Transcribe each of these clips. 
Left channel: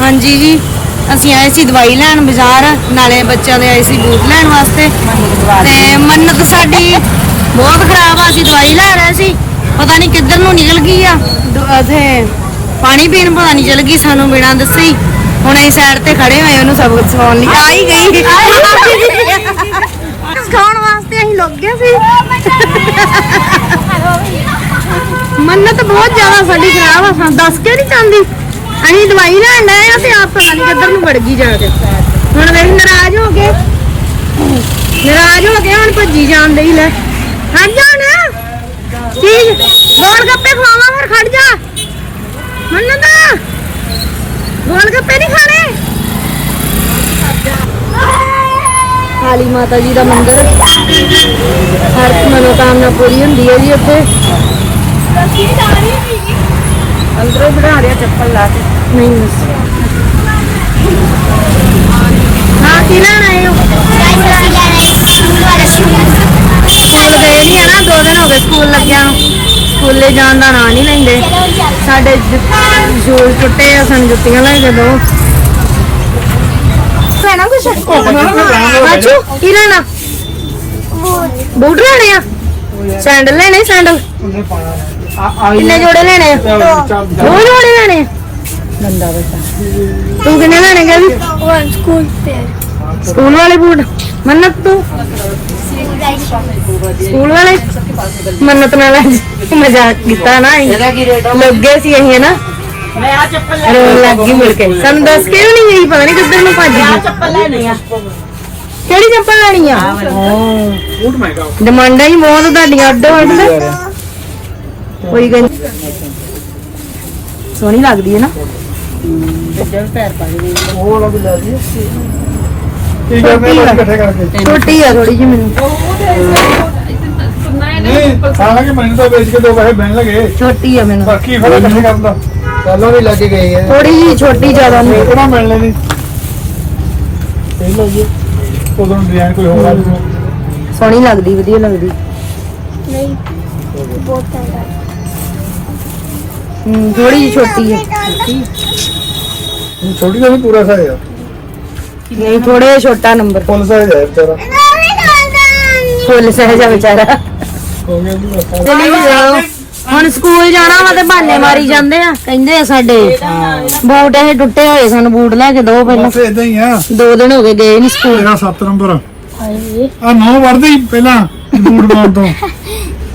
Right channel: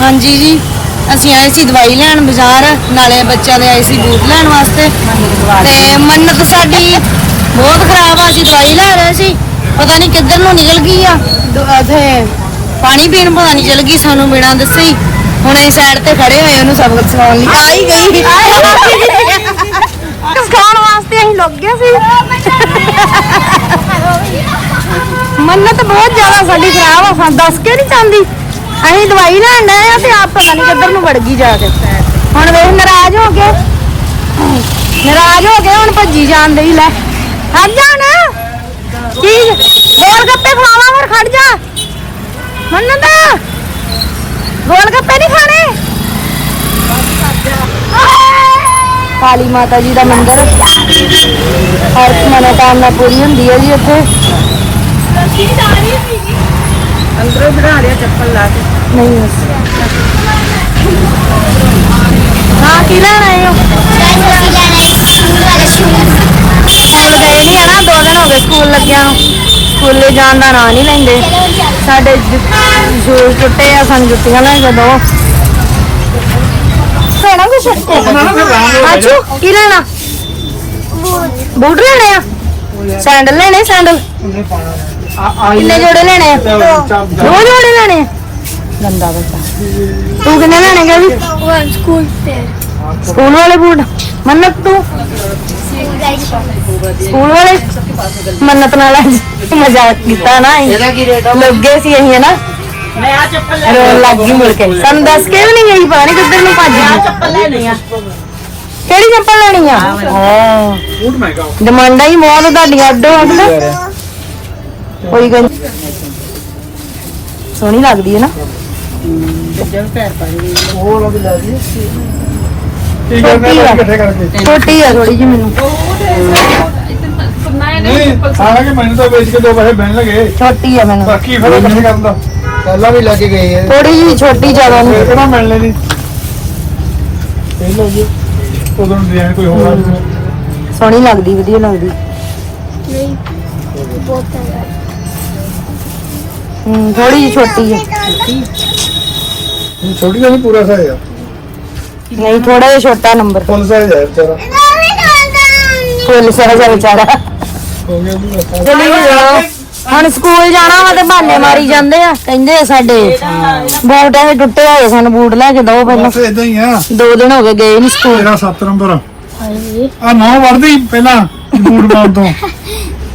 ਹਾਂਜੀ ਜੀ ਅਸੀਂ ਆਏ ਸੀ ਦਵਾਈ ਲੈਣ ਬਾਜ਼ਾਰ ਨਾਲੇ ਬੱਚਿਆਂ ਦੇ ਆਏ ਸੀ ਬੂਟ ਲੈਣ ਵਾਸਤੇ। ਤੇ ਮੰਨਤ ਸਾਡੀ ਬਹੁਤ ਖਰਾਬ ਆ ਅਸੀਂ ਦਵਾਈ ਲੈ ਰਹੇ ਸੀ। ਪਤਾ ਨਹੀਂ ਕਿੱਧਰ ਨੂੰ ਨਿਕਲ ਗਈ ਆ। ਪਾਣੀ ਪੀਣ ਪਤਾ ਨਹੀਂ ਚਲ ਗਈ ਸਾਨੂੰ ਬਿਨਾਂ ਦੱਸੇ ਹੀ। ਹੁਣ ਅਸੀਂ ਸਾਈਡ ਤੇ ਖੜੇ ਹੋਏ ਉਹਨੂੰ ਸਬਕ ਸਿਖਾਉਣ ਲਈ। ਆ ਹੀ ਗਈ। ਸਿਖਾਉਣ ਵਾਸਤੇ ਅਸੀਂ ਲੁੱਕ ਗਏ ਸੀ। ਮੰਨਤ ਬਹੁਤ ਜ਼ਿਆਦਾ ਸਾਡੀ ਖਰਾਬ ਆ, ਸਾ ਦੱਸ ਕੇ ਨਹੀਂ ਚਾਹੁੰਦੀ ਅਸੀਂ ਦਵਾਈ ਲੈਣ ਆਏ ਆ ਤੇ ਆਪ ਪਤਾ ਨਹੀਂ ਕਿੱਧਰ ਨੂੰ ਵੜ ਗਈ ਜਾ ਕੇ। ਹੁਣ ਵੇਖ, ਨਾਰਾਜ਼ ਹੋ ਕੇ। ਨਾਰਾਜ਼ ਹੋ ਕੇ ਹੁਣ ਭੱਜੀ ਜਾਣ ਡਈ, ਲੈ। ਹਟ ਜਾ ਕੀ? ਗੋਲ ਗੱਪੇ ਖਵਾਵਾਂ, ਫਿਰ ਖੜ ਜਾ। ਮੰਨਤ ਗੋਲ ਗੱਪੇ ਨਹੀਂ ਖਾਣੇ। ਕਾਲੀ ਮਾਤਾ ਜੀ ਦਾ ਮੰਦਿਰ। ਹਰ ਮਨੋਕਾਮਨਾ ਪੂਰੀ ਹੁੰਦੀ ਹੈ ਜੀ ਉੱਥੇ। ਅੰਦਰੋਂ ਬਣਾ ਰਿਆ ਚੱਪਲ ਲਾ ਕੇ ਨਹੀਂ ਬਸ ਹਾਂ ਕੀ ਲੈਣ ਆਏ ਹੋ ਸਕੂਲ ਗਏ ਨਹੀਂ ਆ ਦੋ ਦਿਨ ਹੋ ਗਏ ਸਕੂਲ ਲੱਗਿਆ ਨੂੰ ਸਕੂਲੇ ਜਾਣ ਦਾ ਨਾਂ ਨਹੀਂ ਲੈਂਦੇ ਸਾਡੇ ਜੂਲ ਟੁੱਟੇ ਆ ਸਾਨੂੰ ਜੁੱਤੀਆਂ ਲੈ ਕੇ ਦੋ ਲੈਣਾ ਕੁਛ ਅੱਛੂ ਕੀ ਲੈਣਾ ਬੂਟ ਲੈਣੇ ਆ ਸੈਂਡਲ ਲੈਣੇ ਸੈਂਡਲ ਕਿੰਨੇ ਜੋੜੇ ਲੈਣੇ? ਆ ਦੋ ਜੋੜੇ ਲੈਣੇ? ਆ ਗੰਦਾ ਬੱਚਾ। ਤੂੰ ਕਿੰਨੇ ਲੈਣੇ ਗਾ ਵੀ ਸਕੂਲ ਵਾਲੇ ਬੂਟ ਮੰਨਤ ਤੂੰ? ਸਕੂਲ ਵਾਲੇ? ਮੰਨਤ ਨਾਲ ਅੱਜ ਮਜ਼ਾਕ ਕੀਤਾ ਨਾ ਅਸੀਂ। ਲੱਗੇ ਸੀ ਅਸੀਂ ਨਾ ਰੋਣ ਲੱਗ ਗਈ ਮੁੜ ਕੇ। ਸਾਨੂੰ ਦੱਸ ਕੇ ਵੀ ਨਹੀਂ ਗਈ ਪਤਾ ਨਹੀਂ ਕਿੱਧਰ ਨੂੰ ਭੱਜ ਗਈ। ਕਿਹੜੀ ਚੱਪਲ ਲੈਣੀ ਆ? ਹਾਂ। ਡਿਮਾਂਡਾਂ ਹੀ ਬਹੁਤ ਤੁਹਾਡੀਆਂ ਅੱਡੋ ਅੱਡ ਕੋਈ ਗੱਲ ਸੋਹਣੀ ਲੱਗਦੀ ਹੈ ਨਾ। ਛੋਟੀ ਆ ਥੋੜੀ ਜਿਹੀ ਮੈਨੂੰ। ਮੈਨੂੰ ਤਾਂ ਵੇਚ ਕੇ ਦੋ ਪੈਸੇ ਬਹਿਣ ਲਗੇ ਛੋਟੀ ਆ ਮੈਨੂੰ। ਬਾਕੀ ਫਿਰ ਨਹੀਂ ਕਰਦਾ ਪਹਿਲਾਂ ਵੀ ਲੱਗ ਗਏ ਆ ਥੋੜੀ ਜਿਹੀ ਛੋਟੀ ਜ਼ਿਆਦਾ ਨਹੀਂ ਕਿਹੜਾ ਮਿਲ ਲੈਣੀ ਇਹ ਜੀ ਉਦੋਂ ਬਿਆਨ ਕੋਈ ਹੋਰ ਆ ਸੋਹਣੀ ਲੱਗਦੀ, ਵਧੀਆ ਲੱਗਦੀ। ਹੂੰ ਥੋੜੀ ਜਿਹੀ ਛੋਟੀ ਹੈ। ਛੋਟੀ ਜਿਹੀ ਪੂਰਾ ਸਾਈਜ਼ ਆ। ਨਹੀਂ ਥੋੜਾ ਜਿਹਾ ਛੋਟਾ ਨੰਬਰ ਫੁੱਲ ਸਾਈਜ਼ ਹੈ ਵਿਚਾਰਾ। ਫੁੱਲ ਵਿਚਾਰਾ। ਹੋ ਗਿਆ ਜੀ ਜਾਓ। ਹੁਣ ਸਕੂਲ ਜਾਣਾ ਵਾ ਤੇ ਬਹਾਨੇ ਮਾਰੀ ਜਾਂਦੇ ਆ। ਕਹਿੰਦੇ ਆ ਸਾਡੇ ਬੂਟ ਇਹ ਟੁੱਟੇ ਹੋਏ ਸਾਨੂੰ ਬੂਟ ਲੈ ਕੇ ਦੋ ਪਹਿਲਾਂ। ਬਸ ਇਦਾਂ ਹੀ ਆ। ਦੋ ਦਿਨ ਹੋ ਗਏ ਗਏ ਨਹੀਂ ਸਕੂਲ। ਤੇਰਾ 7 ਨੰਬਰ। ਆ ਨੌ ਵੜਦੇ ਹੀ ਪਹਿਲਾਂ ਬੂਟ ਪਾਉਣ ਤੋਂ।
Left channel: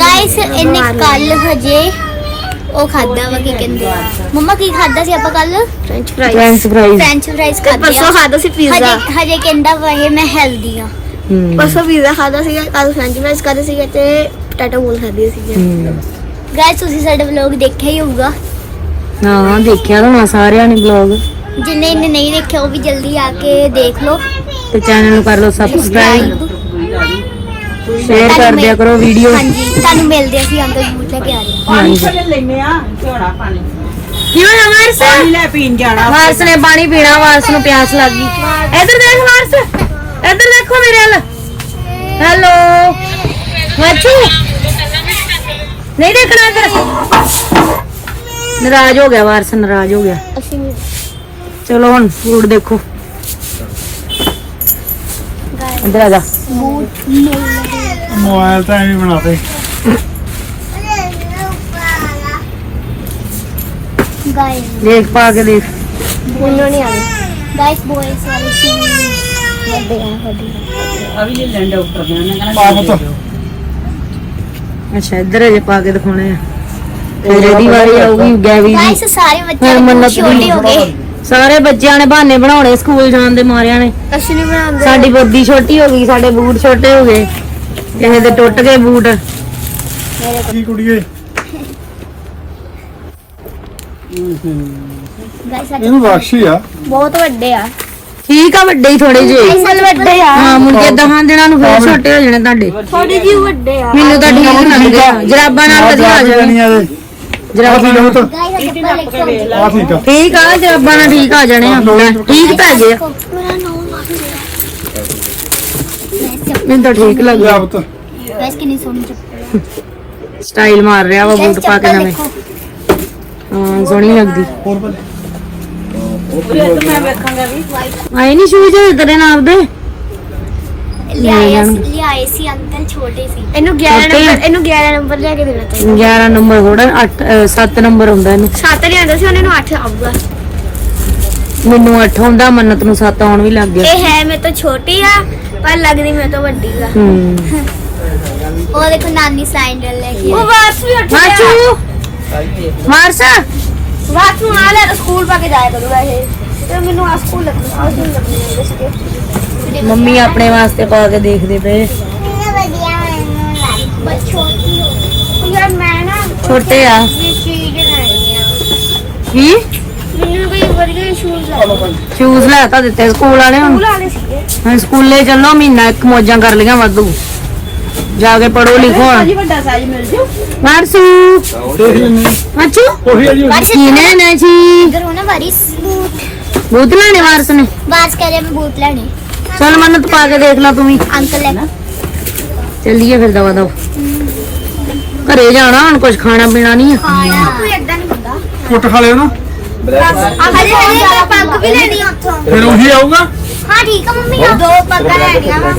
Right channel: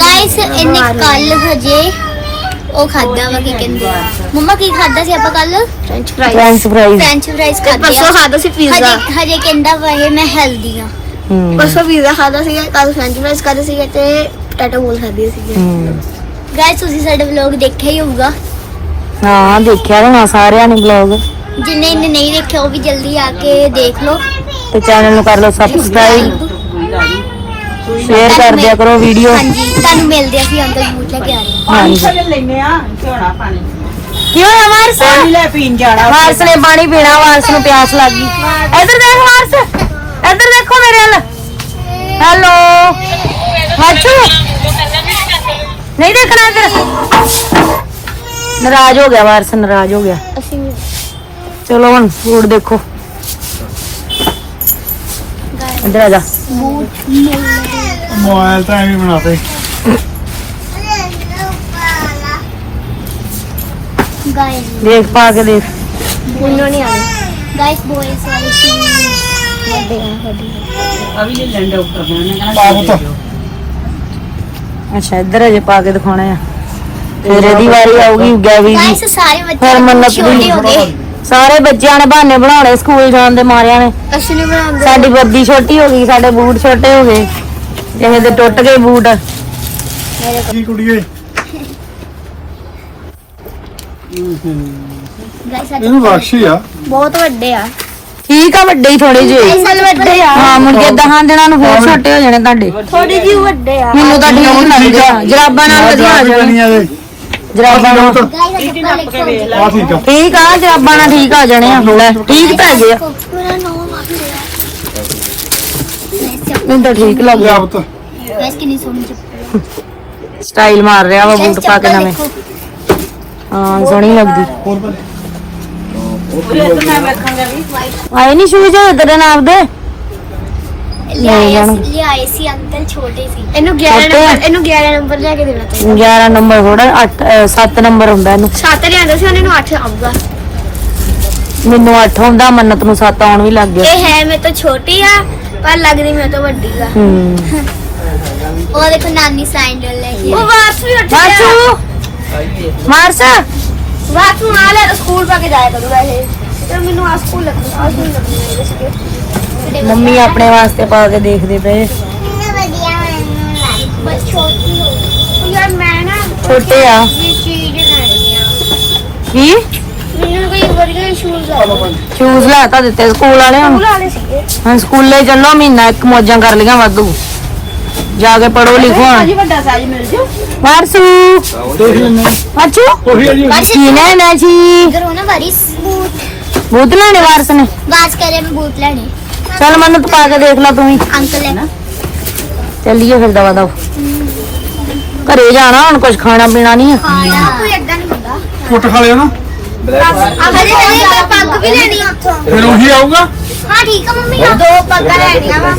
ਗਾਇਸ ਇਹਨੇ ਕੱਲ ਹਜੇ ਉਹ ਖਾਦਾ ਵਾ ਕੀ ਕਹਿੰਦੇ ਮੰਮਾ ਕੀ ਖਾਦਾ ਸੀ ਆਪਾਂ ਕੱਲ french fries french fries french fries ਤੇ ਖਾਦੇ ਪਰਸੋਂ ਖਾਦਾ ਸੀ ਪੀਜ਼ਾ ਹਜੇ ਕਹਿੰਦਾ ਵਾ ਇਹ ਮੈਂ ਹੈਲਦੀ ਆ। ਪਰਸੋਂ ਪੀਜ਼ਾ ਖਾਦਾ ਸੀ ਕੱਲ ਫ੍ਰੈਂਚ ਫ੍ਰਾਈਜ਼ ਖਾਦੇ ਸੀ ਤੇ ਪਟਾਟਾ ਬੋਲ ਖਾਦੇ ਸੀ ਗਾਇਸ ਤੁਸੀਂ ਸਾਡਾ ਵਲੌਗ ਦੇਖਿਆ ਹੀ ਹੋਊਗਾ। ਹਾਂ ਦੇਖਿਆ ਹੋਣਾ ਸਾਰਿਆਂ ਨੇ ਵਲੌਗ ਜਿੰਨੇ ਇਹਨੇ ਨਹੀਂ ਦੇਖਿਆ ਉਹ ਵੀ ਜਲਦੀ ਆ ਕੇ ਦੇਖ ਲਓ। ਤੇ ਚੈਨਲ ਨੂੰ ਕਰ ਲਓ ਸਬਸਕ੍ਰਾਈਬ ਸ਼ੇਅਰ ਕਰ ਦਿਆ ਕਰੋ ਵੀਡੀਓ ਹਾਂਜੀ ਤੁਹਾਨੂੰ ਮਿਲਦੇ ਆ ਕਿ ਅੰਦਰ ਆ ਰਹੇ ਹਾਂਜੀ। ਲੈਨੇ ਆ ਝੋੜਾ ਪਾਣੀ। ਕਿਉਂ ਆ ਵਾਰਸ? ਪਾਣੀ ਲੈ ਪੀਣ ਜਾਣਾ। ਵਾਰਸ ਨੇ ਪਾਣੀ ਪੀਣਾ ਵਾਰਸ ਨੂੰ ਪਿਆਸ ਲੱਗ ਗਈ। ਇੱਧਰ ਦੇਖ ਵਾਰਸ ਇੱਧਰ ਦੇਖੋ ਮੇਰੇ ਵੱਲ। ਹੈਲੋ। ਵਾਚੂ ਨਹੀਂ ਦੇਖਣਾ ਇੱਧਰ। ਨਾਰਾਜ਼ ਹੋ ਗਿਆ ਵਾਰਸ ਨਾਰਾਜ਼ ਹੋ ਗਿਆ। ਚਲੋ ਹੁਣ ਫੂਡ ਦੇਖੋ। ਇੱਧਰ ਆ ਜਾ। ਮੋਬਾਈਲ ਤਾਂ ਐਵੇਂ ਬਣਾਤੇ ਗਾਇਸ ਦੇਖ ਪਾ ਕੇ ਦੇਖ। ਗਾਇਸ ਆ ਲੈ ਅੱਛਾ ਇੱਧਰ ਅਜੇ ਪਾ ਕੇ ਦਿਖਾਉਣਾ ਆ। ਫਿਰ ਇਹਦੀ ਵਾਰੀ ਆਊਗੀ ਗੈਵੀ ਦੀ। ਗਾਇਸ ਸਾਰੇ ਬੱਚੇ ਫਿਰ ਮੰਨਤ ਦੀ ਸਾਰੇ ਬੱਚਿਆਂ ਨੇ ਬਹਾਨੇ ਬਣਾਉਣੇ ਸਕੂਲ ਜਾਣ ਦੇ ਮਾਰਿਆਂ ਨੇ। ਸਾਡੀ ਵਰਦੀ ਛੋਟੀ ਹੋ ਗਈ ਸਾਡੇ ਬੂਟ ਛੋਟੇ ਹੋ ਗਏ। ਕਿਸੇ ਦੇ ਟੁੱਟ ਗਏ ਬੂਟ। ਕੀ ਕੁੜੀਏ? ਗਾਇਸ ਇਹਨੂੰ ਬਖਸ਼ੀ ਆ। ਬਹੁਤ ਵੱਡੇ ਆ। ਠੀਕ ਆ ਵੱਡੇ ਹੀ ਥੋੜੇ ਜਿਹੇ। ਅਸਲ ਵੱਡੇ ਆ। ਹਾਂ ਮੁਰਗੇ ਦਹਾਂ ਦਿਨਾਂ ਨੂੰ ਫੇਰ ਛੋਟੇ ਹੋ ਜਾਣੇ ਤੁਹਾਡੇ। ਥੋੜੀ ਜਿਹੀ ਵੱਡੇ ਆ। ਮੈਨੂੰ ਤਾਂ ਠੀਕ ਲੱਗਦੇ ਆ। ਜਰਾਬਾਂ ਨਾਲ ਵਧੀਆ ਆ ਜਾਣੇ ਜਰਾਬਾਂ ਨਾਲ। ਠੀਕ ਆ। ਠੀਕ ਆ ਜਰਾਬਾਂ ਨਾਲ ਠੀਕ ਆ ਜਾਣੇ ਆ। ਠੀਕ ਪੈ ਗਏ ਆ ਮੇਰਾ ਨਾਮ ਆ ਮੈਨੂੰ ਤਾਂ ਠੀਕ ਲੱਗ ਲਿਆ ਪੁੱਤ। ਗਾਇਸ ਕਿੰਨੀ ਸੋਹਣੀ ਚੱਪਲ। ਸਟਾਈਲ ਮਾਰ ਰਿਹਾ ਵਾ ਬੂਟ ਪਾ ਕੇ ਨਵੇਂ। ਹਾਂ ਸੋਹਣੀ ਲੱਗਦੀ। ਹੋਰ ਪਾ। ਆਏ ਨਹੀਂ ਸ਼ੂਜ਼ ਤੇਰੇ ਨਾਲ ਦੇ ਲਿਆਏ। ਸੀ ਲਿਆਏ ਸੀ ਅੰਕਲ ਛੋਟੇ ਸੀ। ਇਹਨੂੰ ਛੋਟੇ? ਨੰਬਰ ਇਹਨੂੰ 11 ਨੰਬਰ ਲੈ ਕੇ ਦੇਣਾ ਚਾਹੀਦਾ। 11 ਨੰਬਰ ਥੋੜਾ 8 7 ਨੰਬਰ ਹੁੰਦਾ ਇਹਨੂੰ। 7 ਲਿਆਂਦਾ ਸੀ ਉਹਨੇ ਨੂੰ 8 ਆਊਗਾ। ਮੈਨੂੰ 8 ਹੁੰਦਾ ਮੰਨਤ ਨੂੰ 7 ਆਉਣ ਵੀ ਲੱਗ ਗਿਆ। ਇਹ ਹੈ ਤੋਂ ਛੋਟੀ ਆ ਪਰ ਲੱਗਦੀ ਮੇਰੇ ਤੋਂ ਵੱਡੀ ਆ। ਹੂੰ। ਉਹ ਦੇਖੋ ਨਾਨੀ ਸੈਂਡਲ ਲੈ ਕੇ ਉਹ ਵਾਚ ਵੀ ਉੱਠ ਮਾਚੂ ਮਾਰਸਾ ਵਾਚ ਨੂੰ ਆ ਲੈ ਸਕੂਲ ਪਾ ਕੇ ਜਾਇਆ ਕਰੂ ਵੈਸੇ। ਤੇ ਮੈਨੂੰ ਆ ਸਕੂਲ ਲੱਗਦਾ ਆ ਸਕੂਲ ਲੱਗਦਾ ਮੰਮੀ ਆਪਣੇ ਵਾਸਤੇ ਪਾ ਕੇ ਦੇਖਦੇ ਪਏ। ਬਸ ਛੋਟੀ ਹੋ ਯਾਰ ਮੈਂ ਨਾ ਛੋਟੇ ਆ। ਕੀ? ਮੈਨੂੰ ਕੋਈ ਵਧੀਆ ਸ਼ੂਜ਼ ਆ ਸ਼ੂਜ਼ ਲੈ ਤਾਂ ਦਿੱਤੇ ਸਕੂਲ ਵਾਲਿਆਂ ਨੂੰ। ਹੁਣ ਸਕੂਲੇ ਚੱਲੋ ਮਹੀਨਾ ਇੱਕ ਮੋਜਾਂ ਕਰ ਲੀਆਂ ਵਾਧੂ। ਜਾ ਕੇ ਪੜੋ ਲਿਖੋ ਹੁਣ। ਵੱਡਾ ਸਾਈਜ਼ ਮਿਲ ਜੂ। ਕੀ ਜੀ? ਬੂਟ ਬੂਤ ਲੈਣੇ ਵਾਰਸ ਨੇ? ਬਾਤ ਕਰੇ ਬੂਟ ਲੈਣੇ ਚੱਲ ਮੰਨਤ ਪਾ ਕੇ ਦੇਖ ਲੈ ਤੂੰ ਵੀ। ਅੰਕਲ ਲੈ ਚੱਲੀਏ ਫਿਰ ਦਵਾ ਦਵ। ਘਰੇ ਜਾਣਾ ਹੁਣ ਕੁਝ ਖਾਣਾ ਪੀਣਾ ਨਹੀਂ ਆ। ਖਾਣਾ ਕੋਈ ਏਦਾਂ ਨਹੀਂ ਹੁੰਦਾ ਕੁੱਟ ਖਾ ਲਿਓ ਨਾ। ਹਲੇ ਮੈਂ ਪੱਗ ਵੀ ਲੈਣੀ ਉੱਥੋਂ। ਫਿਰ ਉਹੀ ਆਊਗਾ। ਹਾਂ ਠੀਕ ਆ ਮੰਮੀ ਆ ਦੋ ਪੱਗਾਂ ਲੈਣੀਆਂ ਵਾ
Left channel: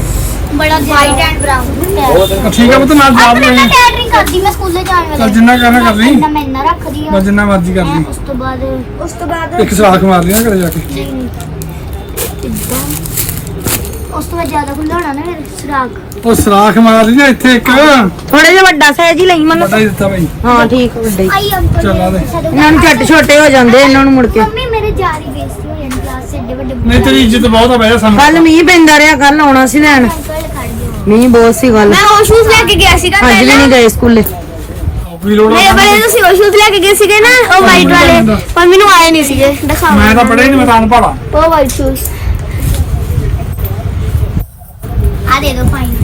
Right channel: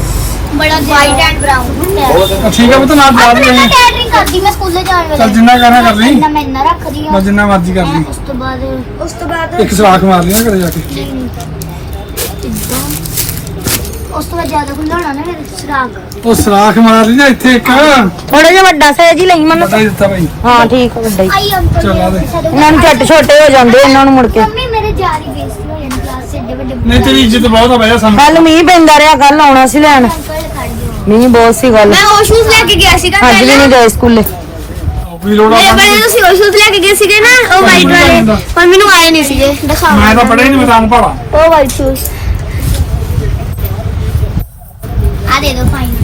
ਬੜਾ ਵਾਈਟ ਐਂਡ ਬ੍ਰਾਊਨ ਠੀਕ ਆ ਪੁੱਤ ਨਾਲ ਜਾ ਵੀ ਮੈਂ ਨਹੀਂ ਕੈਟਰਿੰਗ ਕਰਦੀ ਮੈਂ ਸਕੂਲੇ ਜਾਣ ਵੇਲੇ। ਚੱਲ ਜਿੰਨਾ ਕਹਿਣਾ ਕਰ ਲਈ ਇੰਨਾ ਮੈਂ ਇੰਨਾ ਰੱਖਦੀ ਆ। ਬਸ ਜਿੰਨਾ ਮਰਜ਼ੀ ਕਰ ਲਈ ਉਸ ਤੋਂ ਬਾਅਦ ਉਸ ਤੋਂ ਬਾਅਦ ਇੱਕ ਸਲਾਖ ਮਾਰ ਲਿਆ ਘਰੇ ਜਾ ਕੇ। ਉਸ ਤੋਂ ਬਾਅਦ ਜ਼ਿਆਦਾ ਖੁੱਲਾ ਹੋਣਾ ਨਾ ਫਿਰ ਸੁਰਾਗ ਉਹ ਸਲਾਖ ਮਾਰ ਲਈ ਨਾ ਇੱਥੇ ਇੱਕ। ਥੋੜੇ ਜਿਹਾ ਵੱਡਾ ਸਾਈਜ਼ ਹੀ ਲਈ ਮੰਨ ਵੱਡਾ ਹੀ ਦਿੱਤਾ ਭਾਈ ਹਾਂ ਠੀਕ ਆ, ਵੱਡਾ ਹੀ। ਆਈ ਅੰਕਲ। ਚੱਲ ਆ ਦੇ। ਇਹਨਾਂ ਨੂੰ ਛੱਟ ਛੋਟੇ ਹੋ ਜਾਂਦੇ ਇਹਨਾਂ ਨੂੰ ਮੁੜ ਕੇ। ਮੰਮੀ ਮੇਰੇ ਚਾਰ ਹੀ ਬੇਇੱਜ਼ਤੀ ਹੋ ਜਾਂਦੀ ਕਲਾਸ ਏਡੇ ਵੱਡੇ ਨਹੀਂ ਤੇਰੀ ਇੱਜ਼ਤ ਬਹੁਤ ਆ ਬਈ ਸਾਨੂੰ। ਕੱਲ ਮੀਂਹ ਪੈਂਦਾ ਰਿਹਾ ਕੱਲ ਆਉਣਾ ਸੀ ਲੈਣ। ਮੀਂਹ ਬਹੁਤ ਸੀ ਕੱਲ ਮੈਂ ਉਹ ਸ਼ੂਜ਼ ਲੈ ਕੇ ਗਿਆ ਸੀਗਾ ਅੱਜ ਵੀ ਨਹੀਂ ਗਏ ਸਕੂਲੇ। ਵੀ ਲੋੜਾ ਮੈਂ ਮੈਂ ਤੁਸੀਂ ਉਹ ਸ਼ੂਜ਼ ਲੈ ਕੇ ਗਏ ਸੀਗੇ ਨਾ ਉਹ ਵਾਈਟ ਵਾਲੇ। ਪਰ ਮੈਨੂੰ ਆਏ ਨਹੀਂ ਸੀਗੇ ਦਿਖਾਓ। ਮੈਂ ਤਾਂ ਪੜਿਆ ਹੀ ਨਹੀਂ ਮੈਂ ਤਾਂ ਅਨਪੜ੍ਹ ਆ। ਉਹ ਵਾਈਟ ਸ਼ੂਜ਼ ਆ ਦੇ ਦੋ ਫਾਈਨ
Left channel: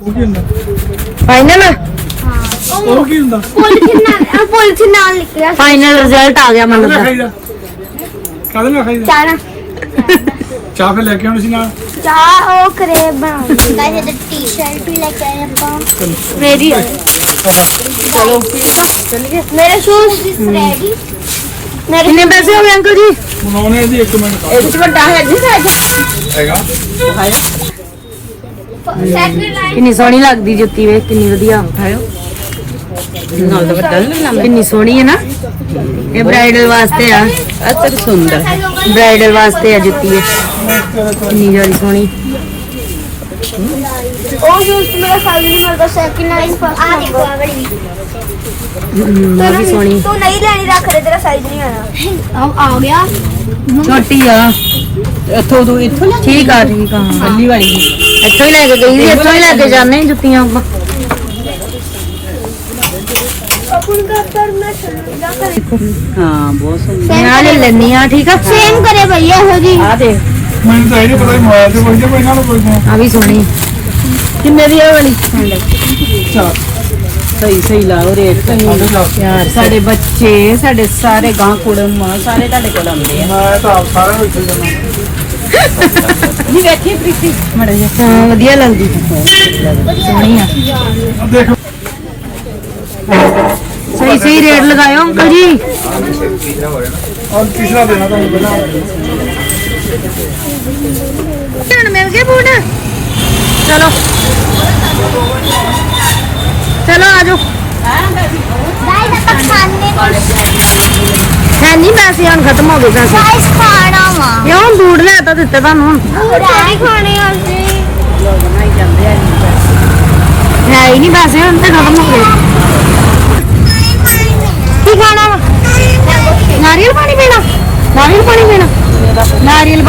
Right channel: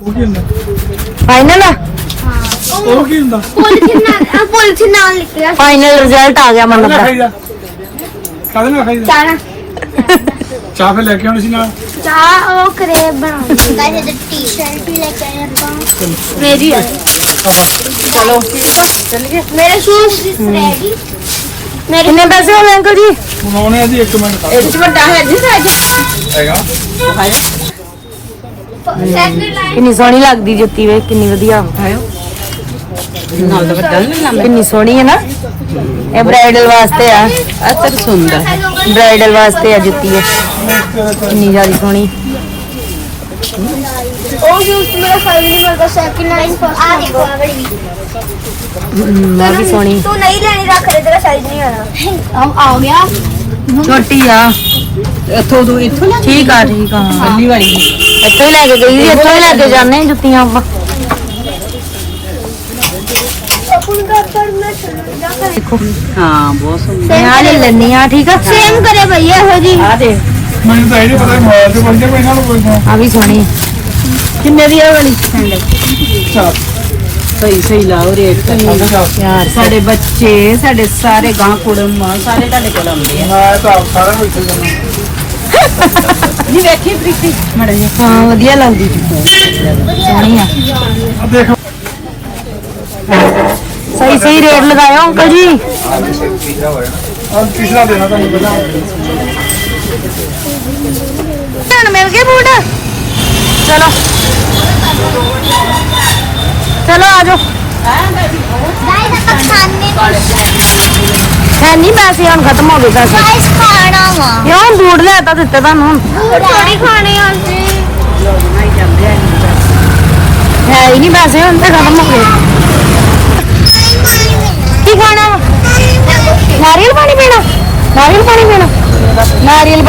ਉਹ ਕੀ ਹੁੰਦਾ? ਫਾਈਨਲ ਉਹ ਕੀ ਹੁੰਦਾ? ਪੋਲੀਥੀਨ ਨਾਲ ਪੋਲੀਥੀਨ ਨਾਲ ਲਿਖਿਆ ਫਾਈਨਲ ਰਿਜ਼ਲਟ ਆ ਗਿਆ ਮੰਨ ਦਾ ਕਾਹਦੇ ਮੈਂ ਖਾਈਦਾ ਚਾਰਾ ਚਾਹ। ਫਿਰ ਲੈ ਕੇ ਆਉਣੀ ਸੀ ਨਾਲ? ਚਾਹ ਉਹ ਕਰੇਬ ਬਣਾਉਂਦੀ ਗਾਇਸ ਇਹ ਟੀ-ਸ਼ਰਟ ਵੀ ਲੈ ਕੇ ਆਏ ਆਪਾਂ। ਰੈਡੀ ਮੇਰੇ ਸ਼ੂਜ਼ ਰੈਡੀ ਕਿੰਨੇ ਪੈਸੇ ਹੋ ਗਏ ਅੰਕਲ ਜੀ? ਹੁਣ ਆਉਣੇ ਆ ਜੀ ਇੱਕ ਮਿੰਟ ਇੱਕ ਵੱਡਾ ਹੈ ਜੀ ਸਾਈਜ਼ ਹੈਗਾ। ਸੈਂਡਲ ਲਾਈਨ ਕਿੰਨੀ ਸੋਹਣੀ ਲੱਗਦੀ ਜੁੱਤੀ ਵੇ ਕਿੰਨੀ ਵਧੀਆ। ਨਾਲ ਦਾ ਵੱਡਾ ਨਹੀਂ ਕਿੰਨੀ ਸੋਹਣੀ ਹੈ ਨਾ। ਇਹ ਬ੍ਰਾਈਡਲ ਵਾਸਤੇ ਆ। ਅਤਰ ਸੁੰਦਰ ਬ੍ਰਾਈਡਲ ਵਾਸਤੇ ਆ ਜੁੱਤੀ ਹੈ ਕਿੰਨੀ ਜ਼ਿਆਦਾ ਸੋਹਣੀ। ਉਹ ਸ਼ੂਜ਼ ਮੇਰਾ ਸਾਈਜ਼ ਨਹੀਂ ਮਿਲਦਾ ਸੈਕਿੰਡ ਲਾਈਨ ਫਸਟ ਹਮ, ਆ ਵੀ ਸੋਹਣੀ। ਤੂੰ ਨਹੀਂ ਲੈਣੀ ਰੱਖ ਦੇ ਤੇਰਾ ਸਾਈਜ਼ ਨਹੀਂ ਆਇਆ ਆ ਆ ਗਿਆ। ਛੋਟੀ ਆ। ਇੱਥੋਂ ਤੋਂ ਇੱਥੋਂ ਠੀਕ ਆ ਠੀਕ ਆ। ਪਹਿਲੀ ਵਾਲੀ ਇੱਥੋਂ ਹੀ ਲੈ ਕੇ ਗਈ ਇੱਥੋਂ ਹੀ ਲੈ ਕੇ ਜਾਂਦੇ ਜੁੱਤੀਆਂ ਆਪਾਂ। ਆਪਣ ਦਾ ਕਰਨਾ ਹਾਂ ਬਹੁਤ ਸੁੰਦਰ ਮੈਂ ਆ ਲੈ ਲੈਣੀ ਆ ਠੀਕ ਆ? ਸੇਮ ਕਰੇ ਭਈਆ ਹੋ ਜੀ ਆ ਦੇ। ਮੈਨੂੰ ਤਾਂ ਇਹ ਨਹੀਂ ਪਤਾ ਮੋਬਾਈਲ ਤੇ ਬੰਦੇ ਕੋਈ ਨਾਲ ਕੋਈ ਆ ਵੀ ਸੋਹਣੀ ਹੈ। ਕਿੰਨੇ ਦੀ ਇਹ ਵਾਲੀ? ਸਹੀ ਸਹੀ ਲਾਓ ਰੇਟ ਯਾਰ ਸਾਡੇ ਬੱਚੇ ਸਾਡੇ ਸਾਰੇ ਗਾਂ ਕੁੜਮ ਮਾਂ ਸਾਰੇ ਤੁਹਾਡੇ ਕੋਲ ਆਉਂਦੇ ਮੈਂ ਤਾਂ ਆਪ ਸਾਰਿਆਂ ਨੂੰ ਇੱਥੇ ਜਾਣਾ। ਹਾਂ ਵਧੀਆ ਲੱਗਦੀ। ਸੋਹਣੀ ਆ। ਆ ਦੇਖ। ਸਹੀ ਸਹੀ ਰੇਟ ਲਗਾਇਓ, ਅੰਕਲ ਜੀ। ਹੁਣ ਤੀਸਰਾ ਦੇਣਾ ਤੁਹਾਨੂੰ ਪਹਿਲਾਂ ਹੁਣ ਮਿਲ ਗਏ ਬੂਟ? ਚਲੋ। ਚਲੋ, ਆ ਜਾਓ। ਹੈ ਨਹੀਂ ਪੈਸੇ ਹੁਣ ਖਤਮ ਹੋ ਗਏ ਪੈਸੇ। ਗਾਇਸ ਖਾਣਾ ਵਾ ਕਿਉਂ ਬੂਟ ਲੈ ਤਾਂ ਦਿੱਤੇ ਤੁਹਾਨੂੰ ਨਹੀਂ ਖਾਣੇ ਆ ਹੈ ਹੀ ਨਹੀਂ ਪੈਸੇ, ਹੁਣ ਤੇ ਖਤਮ ਹੋ ਗਏ ਕੀ ਖਾਣਾ ਵਾ ਨਾਰੀਅਲ ਪਾਣੀ ਪੀਣਾ ਨਾਰੀਅਲ ਪਾਣੀ ਪੀਣਾ ਨਾਰੀਅਲ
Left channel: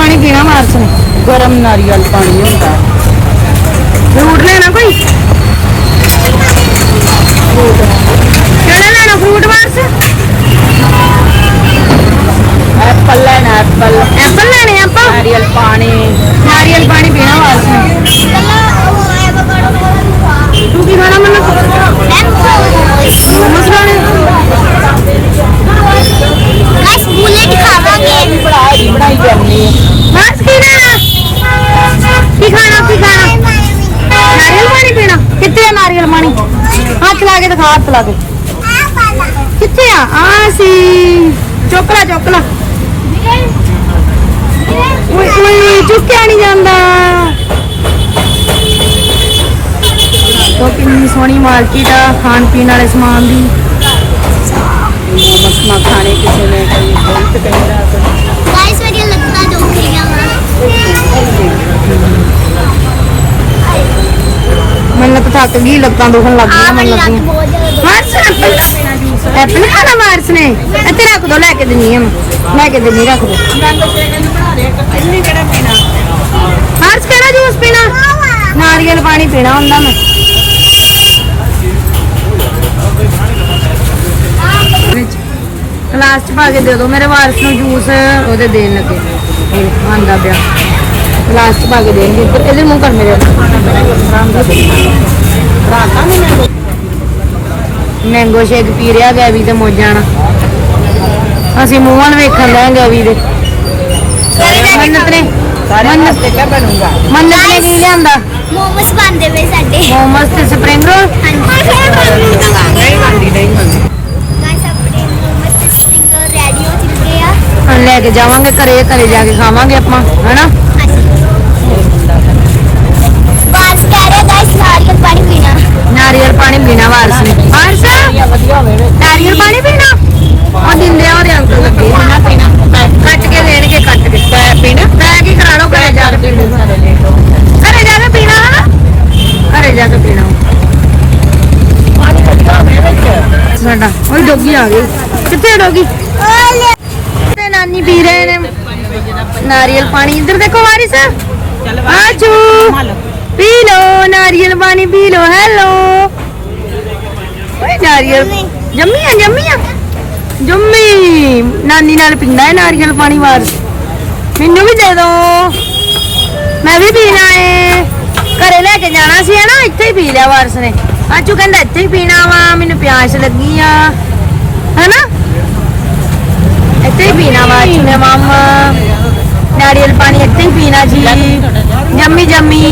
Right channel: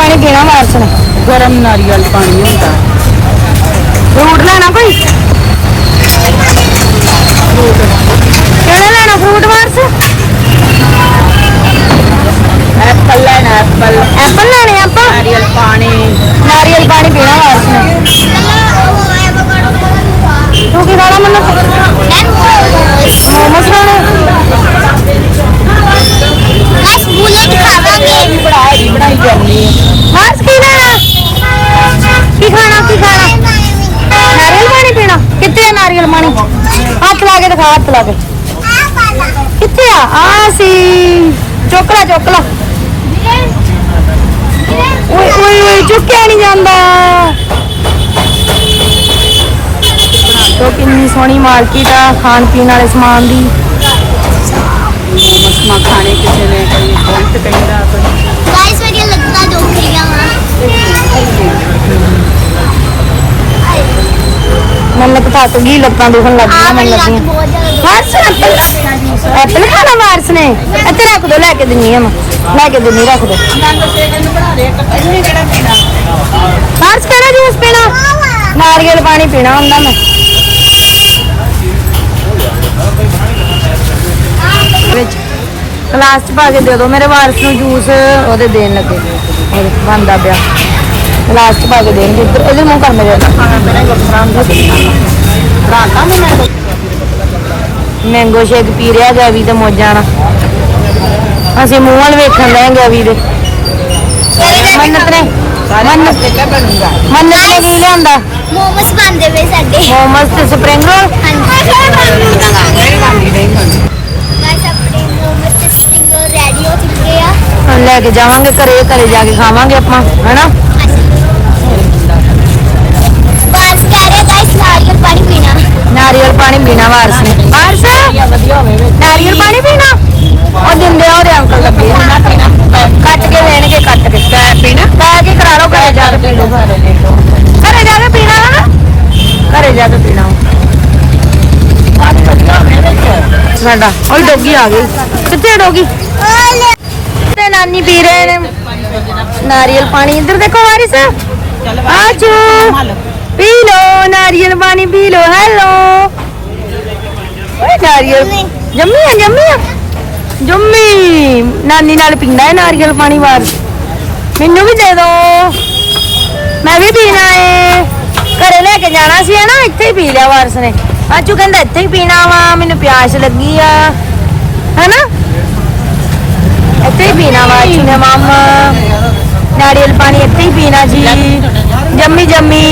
ਪਾਣੀ ਪੀਣਾ ਵਾਰਸ ਨੇ ਗਰਮ ਨਾਰੀਅਲ ਪਾਣੀ ਹੁੰਦਾ। ਫਰੂਟ ਲੈਣਾ ਕੋਈ ਚੋਕਲਾ ਚੋਕਲਾ ਓਏ ਓਏ ਓਏ ਚੁੱਕਿਆ ਨਹੀਂ ਜਾਂਦਾ। ਤੋ ਕਿੰਨੀ ਸੋਹਣੀ ਮਾਰਕੀਟ ਆ ਖਾਣ ਪੀਣ ਵਾਲੇ ਸਮਾਨ ਦੀ। ਗਾਇਸ ਮੇਰੀਆਂ ਲੱਤਾਂ ਦੁਖ ਰਹੀਆਂ ਮੈਨੂੰ ਤਾਂ ਥੱਕ ਗਈ ਲੱਤਾਂ ਦੁਖਣ ਲੱਗ ਗਈਆਂ ਮੈਨੂੰ ਮੇਰੀ ਲੱਤ ਲੱਗੀਆਂ। ਜ਼ਿਆਦਾ ਵਾਰਸ ਐਪਲ ਖਾਣਾ ਵਾਰਸ ਨੇ। ਇੱਥੇ ਰੱਖ ਦੋ, ਲੈ ਕੇ ਦਿੰਨੀ ਆ ਮੈਂ। ਲੈ ਕੇ ਦਿੰਨੀ, ਰੱਖ ਦੋ। ਵਾਰਸ ਕਿਹੜਾ ਜੂਸ ਪੀਣਾ? ਨਾਰੀਅਲ ਪਾਣੀ ਪੀਣਾ ਹੁੰਦਾ ਮੈਂ। ਵਿੱਚ ਕਲਾਸ ਚ ਪਾ ਕੇ ਦੇ ਦਿਓ ਮੇਰੇ ਵਾਰਸ ਨੂੰ ਜੂਸ ਉਹਦੇ ਦੇਣ ਲੱਗੇ। ਉਹਦੇ ਬੰਦਾ ਪਿਆ। ਕਲਾਸ ਚ ਪਾ ਕੇ ਦੇਣਗੇ। ਇੱਧਰ ਇਹਦੇ ਮੂੰਹ ਕਰ ਮੇਰੇ। ਮੈਂਗੋ ਸ਼ੇਕ ਪੀ ਰਿਹਾ ਗੈਵੀ ਤੇ ਮੋਜਾਂ ਨਾਲ ਅਸੀਂ ਮੂੰਹ ਵੱਲ ਵੇਖਣ ਲੈ ਗੈਵੀ ਦੇ ਮੰਨਤ ਨੇ ਮੰਨਤ ਮੰਨਤ ਨੇ ਕੀ ਲਿਆਂਦਾ? ਮੋਮਸ ਬਣਦੇ ਪਏ ਸਾਡੇ। ਮੋਮਸ ਤੇ ਸਪਰਿੰਗ ਰੋਲ? ਗਾਇਸ ਆਪਣੇ ਮੋਮਸ ਤੇ ਸਟਿਕਰ ਰੈਡੀ ਹੋ ਚੁੱਕੇ ਆ। ਹੁਣ ਲੈ ਕੇ ਜਾਵਾਂਗੇ ਘਰੇ ਘਰੇ ਜਾ ਕੇ ਖਾਵਾਂਗੇ ਆਪਾਂ ਹਨਾ? ਨਾਰੀਅਲ ਪਾਣੀ ਪੀਣਾ ਵਾਰਸ ਨੇ। ਵਾਰਸ? ਨਾਰੀਅਲ ਪਾਣੀ ਪੀਣਾ? ਉਹ ਦਿੰਦੇ ਆ, ਉਹਦੇ ਅੰਕਲ ਲੱਗੇ ਪੀਣਾ ਪੀਣਾ। ਕੱਟ ਕੇ ਦੇਣਗੇ, ਕੱਟ ਕੇ। ਪੈ ਪੀਣਾ? ਪੈ ਕੇ ਕਰਾ ਲਓ, ਘਰੇ ਜਾ ਕੇ ਪੀ ਲਓ ਘਰੇ ਜਾ ਕੇ ਪੀਣਾ ਹਨਾ ਘਰੇ ਜਾ ਕੇ ਪੀਣਾ। ਸਾਡਾ, ਉਹ ਡੋਗੀ ਆ ਗਈ। ਕਿੱਥੇ ਡੋਗੀ? ਤੇ ਨਾਨੀ ਪੀ ਰਹੇ ਨੇ। ਨਾਰੀਅਲ ਪਾਣੀ। ਇੱਧਰ ਦੇਖੋ ਵਾਰਿਸ। ਆਜੂ। ਪੀ ਲੋ ਨਾਰੀਅਲ ਪਾਣੀ ਪੀ ਲੋ ਹੈਲੋ ਓਏ ਨਾਰੀਅਲ ਜੰਮੀ ਆ ਜੰਮੀ ਆ ਜੰਮੀ ਨਾਨੀ ਨਾਲ ਪੀਂਦਾ ਹੈ ਨਾਰੀਅਲ ਪਾਣੀ ਵਾਰਸ ਮੈਨੂੰ ਵੀ ਦੇ ਦੋ। ਮੈਂ ਵੀ ਪੀਣਾ ਏ। ਘਰੇ ਲੈ ਕੇ ਜਾਣਾ ਸੀ ਨਾ ਇੱਥੇ ਹੀ ਪੀ ਲਿਆ ਵਾਰਸ ਨੇ। ਆਜੂ ਕਹਿੰਦਾ ਇੱਥੇ ਹੀ ਪੀਣਾ ਵਾ, ਮੈਨੂੰ ਪਿਆਸ ਲੱਗੀ ਆ। ਹੈਨਾ? ਇੱਥੇ ਹੀ ਪੀਣਾ ਵਾ ਆਜੂ ਨੇ ਮਾਮਾ। ਨਾਰੀਅਲ ਪਾਣੀ ਇੱਥੇ ਹੀ ਪੀਣਾ ਜੀ। ਜੰਮੀ ਜੰਮੀ